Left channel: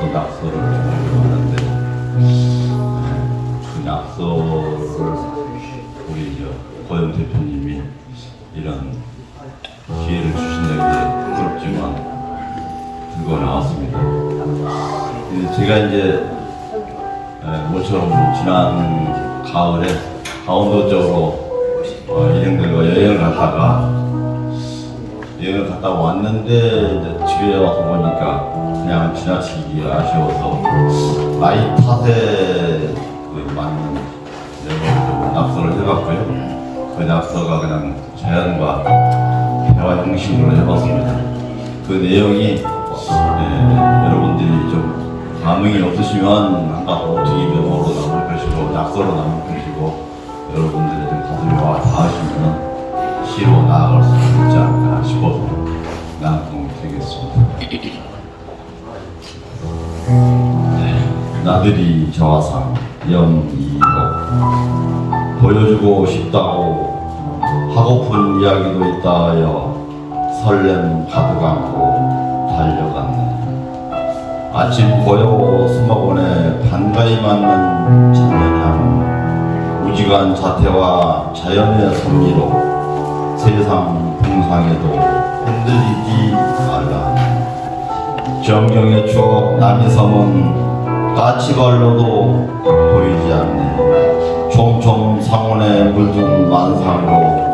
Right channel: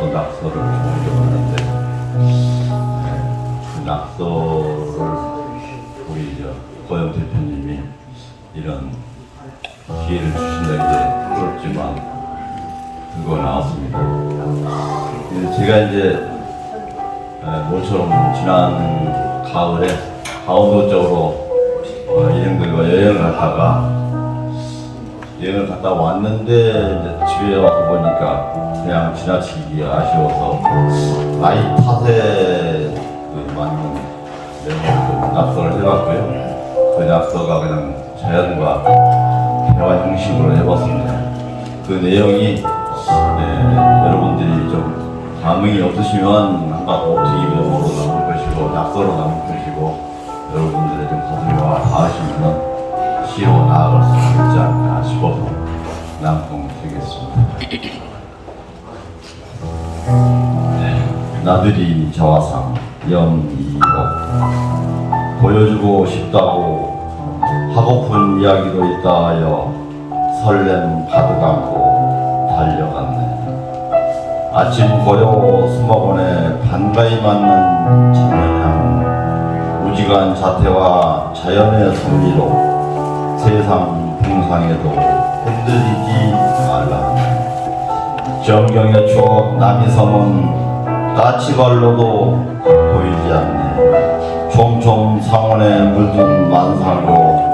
저도 낙서를 좀 하는데 네, 그 낙서를 우리 저 고영 대표님이 이런 기회를 주신다는 게 부끄럽지만 들고 나왔습니다. 근데 제가 이제 네, 모처럼 지난 가을에 강원도 쪽으로 어, 일행들과 여행을 갔다가 여행을 갔다 왔는데 이제 집에 와서 보니까 그냥 지나치기 아쉬워서 나이 탓에 그 맞는 내용을 좀 낙서를 해봤고요. 그 낙서가 그냥 자연과 대화 형식으로 해봤습니다. 그 내용이 네, 여러분들이 좀 감흥이 없으시면 한가 오트기면으로 남을 것이고 낙서로 남을 것이고 여러분들의 좀 가슴에 와 닿으시면 않을까 싶어서 낭송 드리겠습니다. 나들이 저하상 영이옥 보여주고 싶다고 하고픈 이야기도 있다 하여 설렘 가득 안고 달려갔네. 아침 고요 수목원에 반가이 맞는 청년향 무지간 자태와 자연의 섭리로 세상 풍상에도 흔들리지 말라 정경의 추억 남이섬은 까치발로도 보이지 않네 총총 상원에 물든 만상으로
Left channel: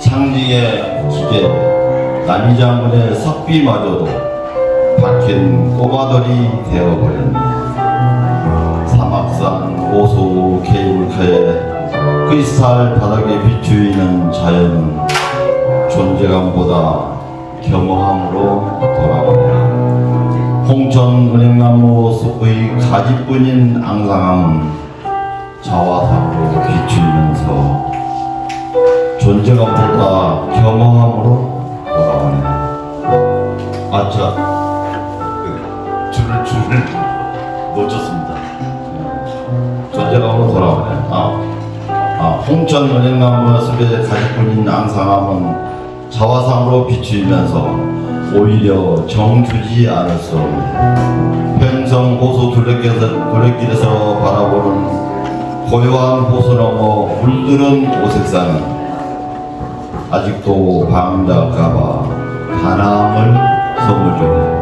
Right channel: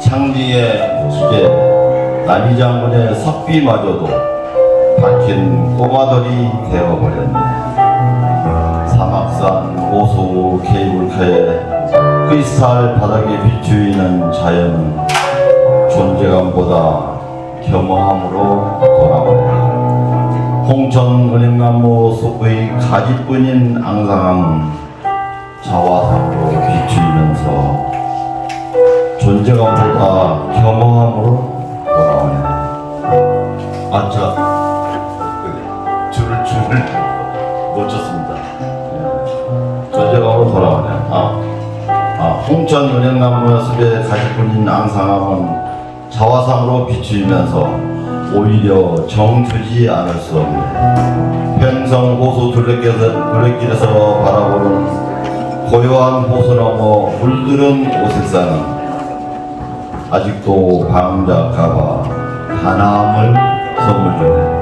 창직의 기계 남이장군의 석비마저도 박힌 꼬마돌이 되어버렸네. 사막산 호수 케이블카에 크리스탈 바닥에 비추이는 자연은 존재감보다 겸허함으로 돌아오네. 홍천 은행나무 숲의 가지뿐인 앙상함은 자화상으로 비추이면서 존재감보다 겸허함으로 돌아오네. 아차 그 줄을 줄을 놓쳤습니다. 존재감으로 돌아오네. 아, 아 홍천 은행나무 숲의 가시꾼인 앙상함은 자화상으로 비추이면서 오히려 정주지 않을 수 없네. 평성 호수 둘레길에서, 바라보는 고요한 호수 너머 물들은 오색산은 아직도 방자가봐 바람을 선물 주네.